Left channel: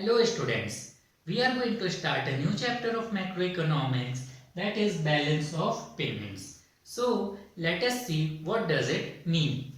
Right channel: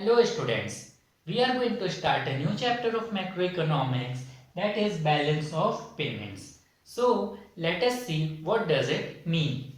Hello students, we are going to start a new chapter of macroeconomics, that is balance of payments. So let us see what does it mean.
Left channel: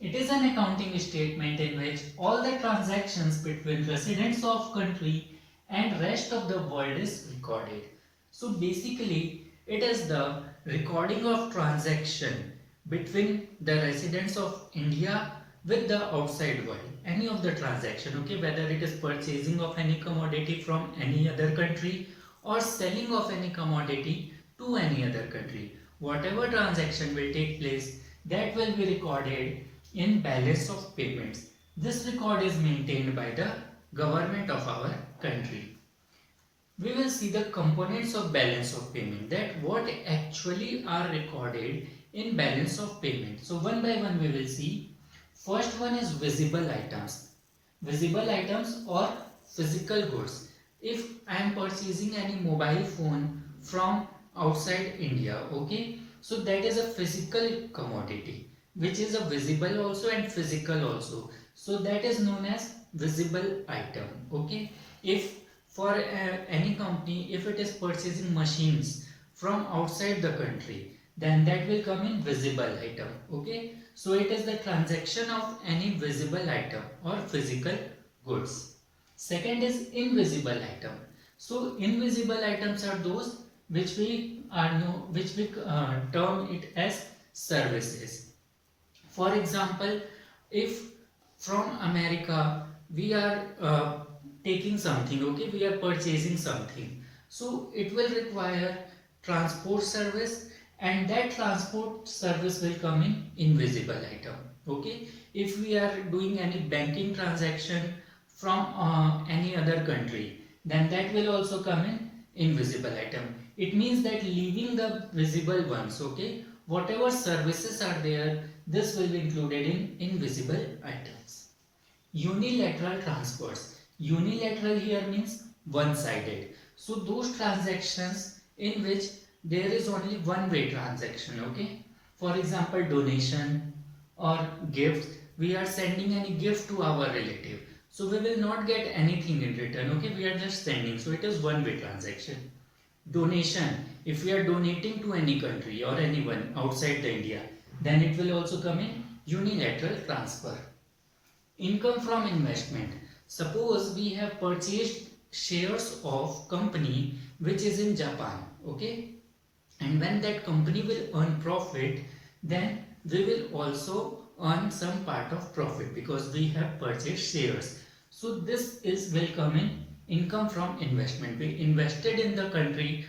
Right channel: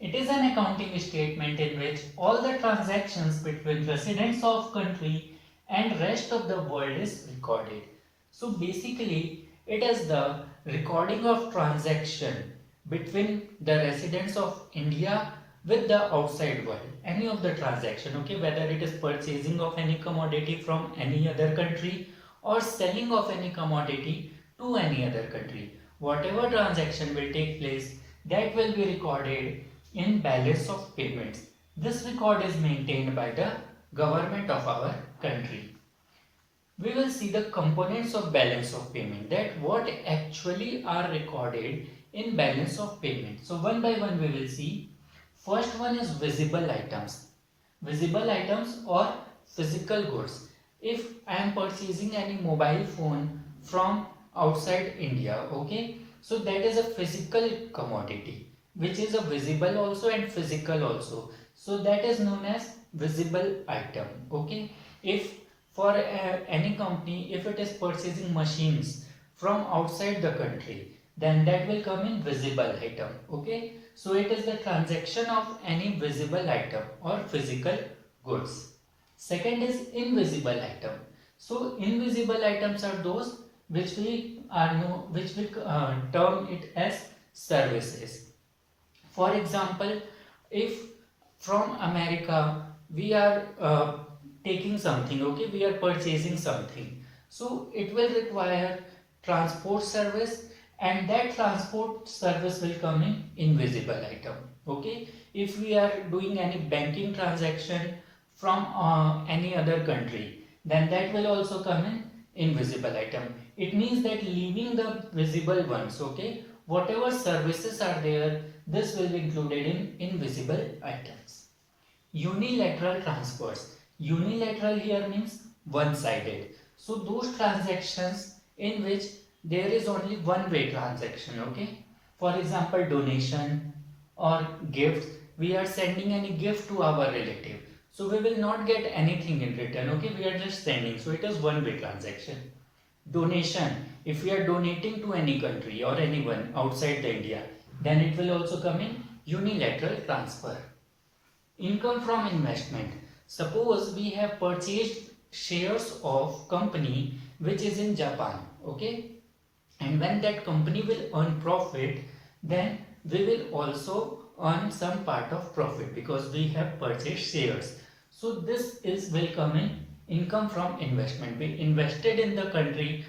It is an accounting statement in which all the transactions between residents of country and rest of the world is recorded. So basically it is the recording of transaction between the residents of India with the outside world. Any of the transaction, okay, whether it is purchasing of any commodity from any other country or selling of any commodity to any other country. Whatever transaction will take place, that will be recorded in balance of payments. This record is maintained by the government of our country. We will see the components of balance of payment, that what actually are recorded in balance of payment. So one by one we will see. First one is visible items. Visible items or physical goods. If I am purchasing any mobile phone from outside India, okay, so that is a physical commodity which is a visible also and physical also. So that is known as visible item, okay. If for any company, if it is purchasing machines from outside the country, then that will come in visible item, okay. So it is the transaction of any visible item or physical goods. Second is invisible item. So invisible items are those which we term it as services. For example, if from America we are taking something, okay, we are purchasing something, so it will require transport service, and that transport service will come in invisible item, okay. If we are doing any banking transaction from any other country, then that will also come in invisible item. It means that leaving the visible ones, okay, whatever services are there, this will be included in invisible items. Unilateral transfers. Unilateral here means one-sided. So those transactions in which there is only one way transaction, okay. For example, donation or gift. We are sending any gift to our relative. So we will not get anything in return, okay. We are just sending. So it is one way transaction. Donation. If we are donating to any country or anyone outside the India, then it will also come in unilateral transfer. Income from investment. Suppose we have purchased shares of company which is in Japan, okay, and when that company will earn profit, then we will also earn some part of profit because we have purchased shares. So this is will come in income from investment. We invested in the country,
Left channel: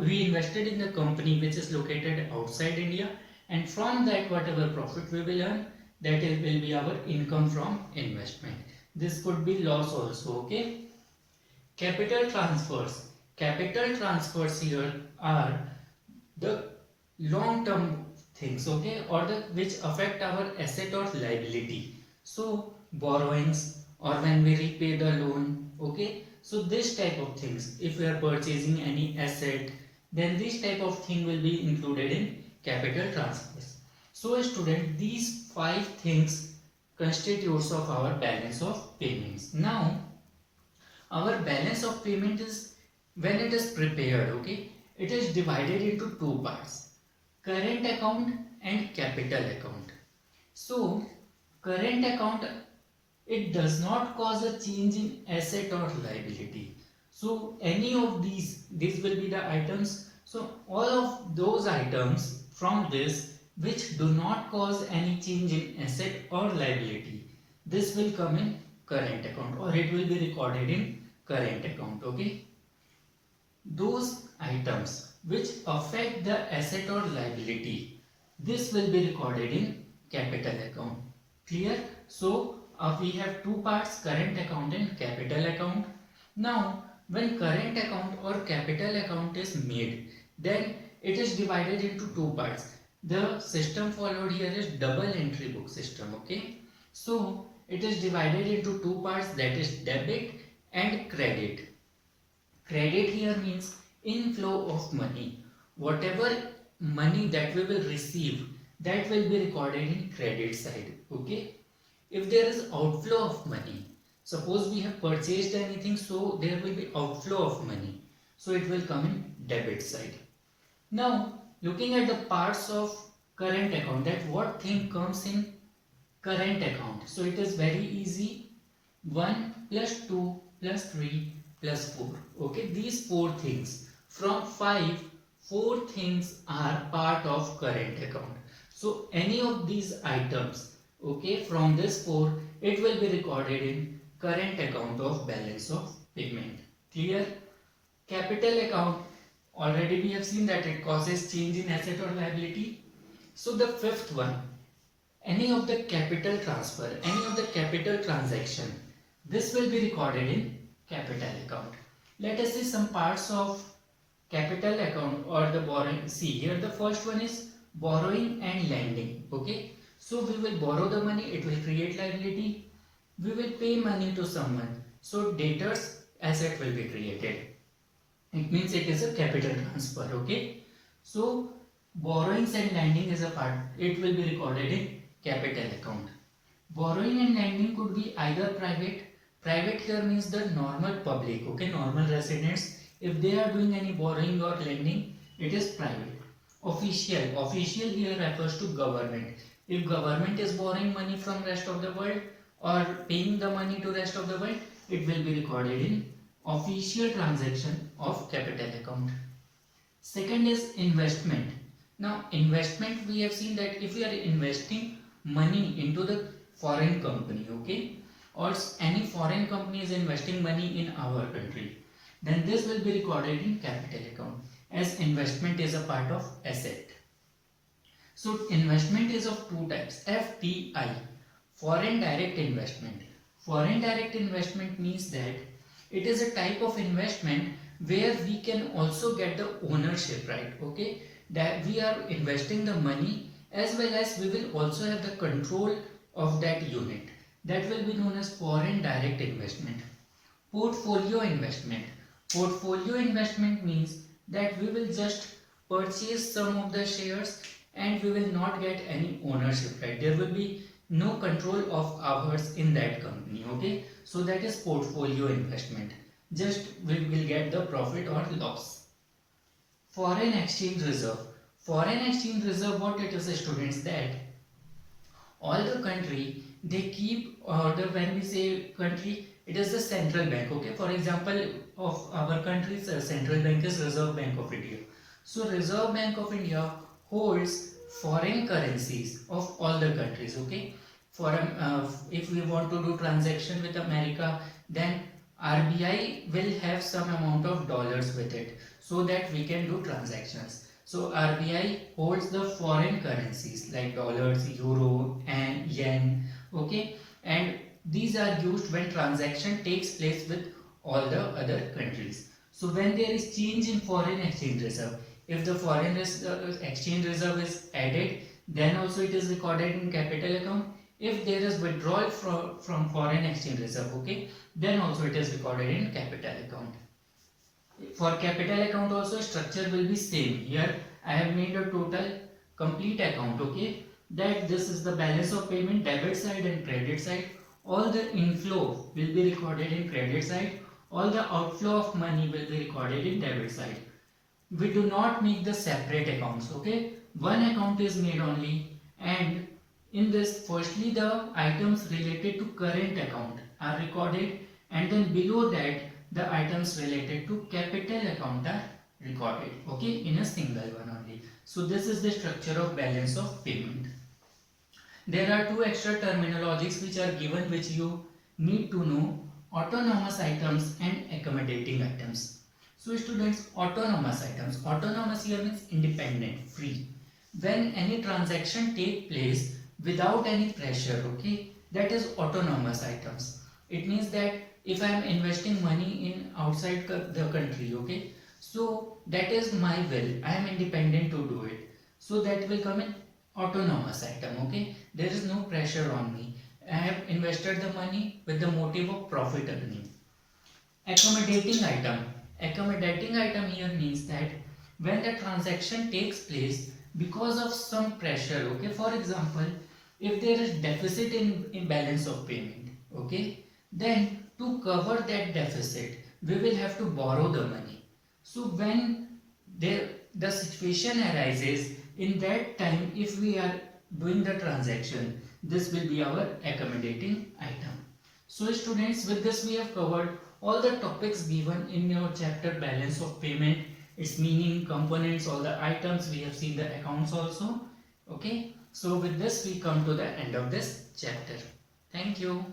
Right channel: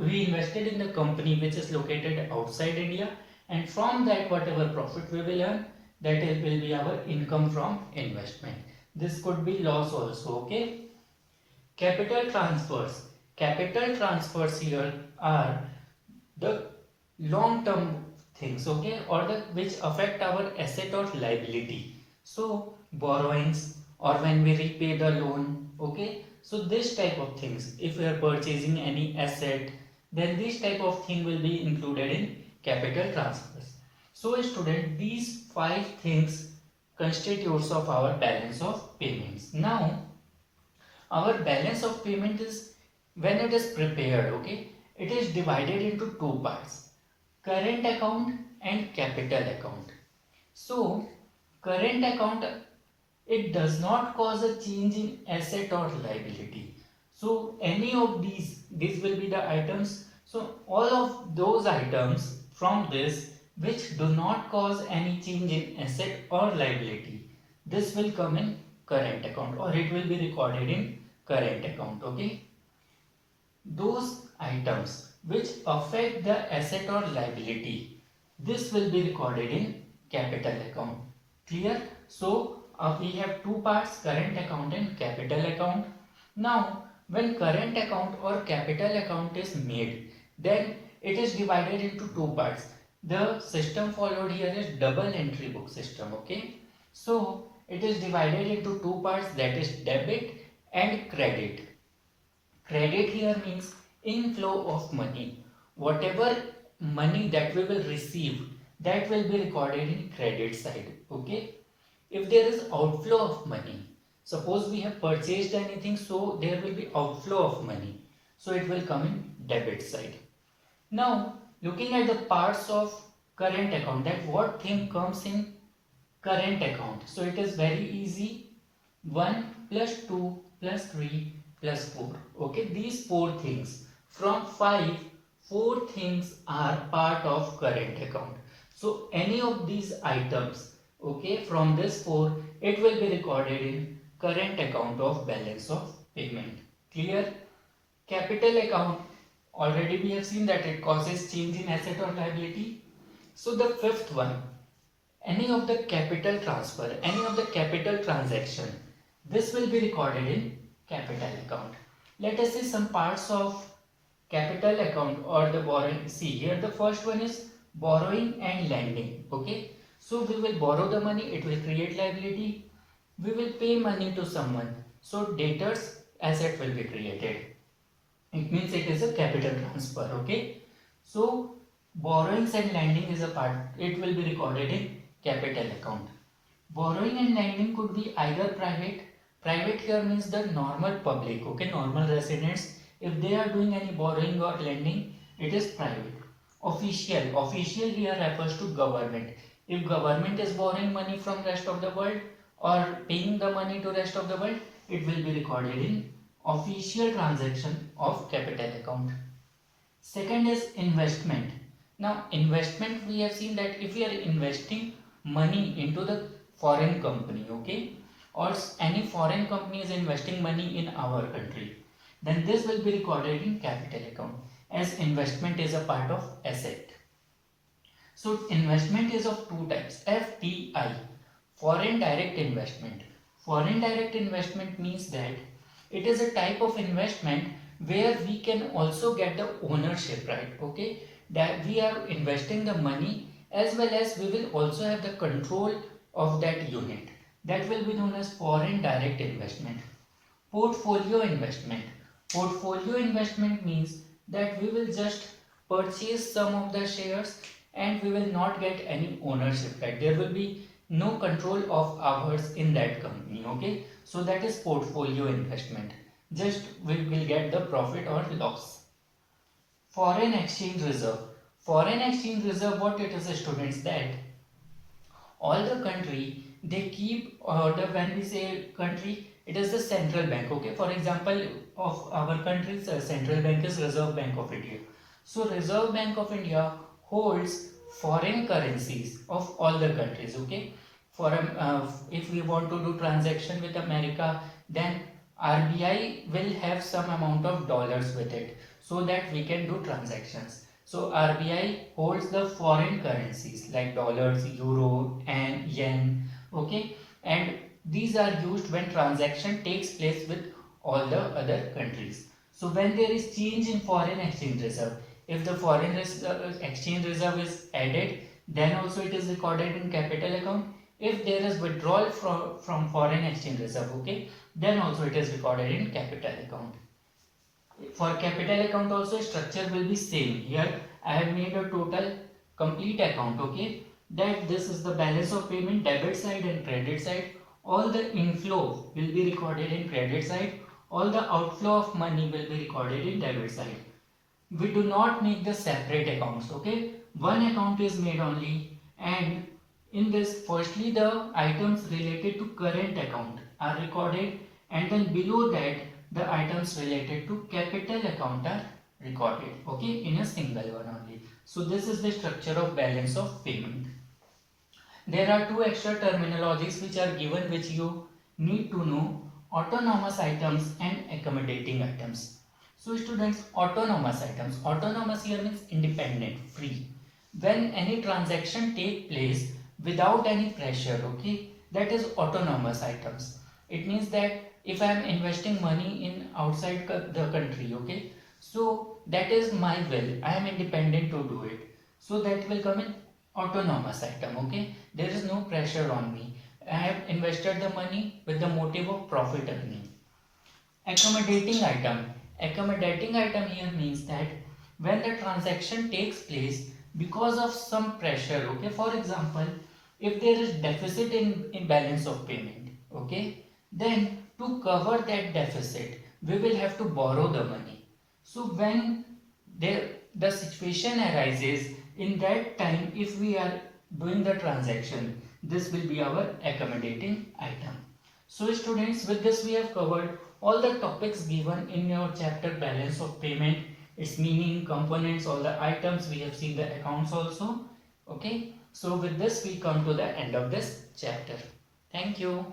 we invested in the company which is located outside India, and from that whatever profit we will earn, that will be our income from investment. This could be loss also, okay. Capital transfers. Capital transfers here are the long term things, okay, or the which affect our asset or liability. So borrowings or when we repay the loan, okay. So this type of things, if we are purchasing any asset, then this type of thing will be included in capital transfers. So student, these five things constitutes of our balance of payments. Now our balance of payment is, when it is prepared, okay, it is divided into two parts: current account and capital account. So current account, it does not cause a change in asset or liability. So any of these will be the items. So all of those items from this which do not cause any change in asset or liability, this will come in current account, or it will be recorded in current account, okay. Those items which affect the asset or liability, this will be recorded in capital account. Clear? So we have two parts, current account and capital account. Now when current account or capital account is made, then it is divided into two parts. The system followed here is double entry book system, okay. So it is divided into two parts, that is debit and credit. Credit here means inflow of money. Whatever money that we will receive, that will be recorded in credit side, okay. If there is outflow of money, Suppose we have purchased anything, so there will be outflow of money. So it will come in debit side. Now, looking at the parts of current account, that what thing comes in current account. So it is very easy. 1 plus 2 plus 3 plus 4. Okay, these 4 things. From 5, 4 things are part of current account. So any of these items, okay, from this 4, it will be recorded in current account of balance of payment. Clear? Capital account, already we have seen that it causes change in asset or liability. So the fifth one, any of the capital transfer, any of the capital transaction, this will be recorded in capital account. Let us see some parts of capital account or the borrowing. See here, the first one is borrowing and lending. Okay, so we will borrow the money, it will create liability. We will pay money to someone, so debtors asset will be created. It means it is a capital transfer. Okay, so borrowings and lending is a part, it will be recorded in capital account. Borrowing and lending could be either private. Private here means the normal public, okay, normal residents. If they are doing any borrowing or lending, it is private. Official, official here refers to government. If government is borrowing money from rest of the world or paying the money to rest of the world, it will be recorded in official transaction of capital account. Second is investment. Now investment, we have seen that if we are investing money into the foreign company, okay, or any foreign company is investing money in our country, then this will be recorded in capital account as investment is a part of asset. So investment is of two types, FDI, foreign direct investment. Foreign direct investment means that it is a type of investment where we can also get the ownership, right? Okay, that we are investing the money as well as we will also have the control of that unit. That will be known as foreign direct investment. Portfolio investment. Portfolio investment means that we will just purchase some of the shares and we will not get any ownership, right? There will be no control of ours in that company. Okay, so that is portfolio investment. Just we will get the profit or loss. Foreign exchange reserve. Foreign exchange reserve, what it is, students, that all the country they keep the, when we say country, it is the central bank. Okay, for example, of our country's central bank is Reserve Bank of India. So Reserve Bank of India holds foreign currencies of all the countries. Okay, for if we want to do transaction with America, then RBI will have some amount of dollars with it so that we can do transactions. So RBI holds the foreign currencies like dollars, euro and yen. Okay, and these are used when transaction takes place with all the other countries. So when there is change in foreign exchange reserve, if the foreign exchange reserve is added, then also it is recorded in capital account. If there is withdrawal from foreign exchange reserve, okay, then also it is recorded in capital account. For capital account also structure will be same. Here I have made a total complete account, okay, that this is the balance of payment, debit side and credit side. All the inflow will be recorded in credit side, all the outflow of money will be recorded in debit side. We do not make the separate accounts, okay, one account is made only, and in this firstly the items related to current account are recorded, and then below that the items related to capital account are recorded, okay, in a single one only. So this is the structure of balance of payment. There are two extra terminologies which are given which you need to know: autonomous items and accommodating items. So students, autonomous items, autonomous here means independent, free. When any transaction take place without any pressure, okay, that is autonomous items. It means that if I am investing money in outside the country, okay, so that is my will, I am independent to do it, so that will come in autonomous item. Okay, there is no pressure on me, I have invested the money with the motive of profit earning. Accommodating item. Accommodating item here means that when the transaction takes place because of some pressure, okay, for example, if there is deficit in balance of payment, okay, then to cover that deficit, we will have to borrow the money. So when the situation arises, in that time, if we are doing the transaction, this will be our accommodating item. So students, with this we have covered all the topics given in your chapter balance of payment, its meaning, components, all the items. We have seen the accounts also. Okay, so with this we come to the end of this chapter. Thank you.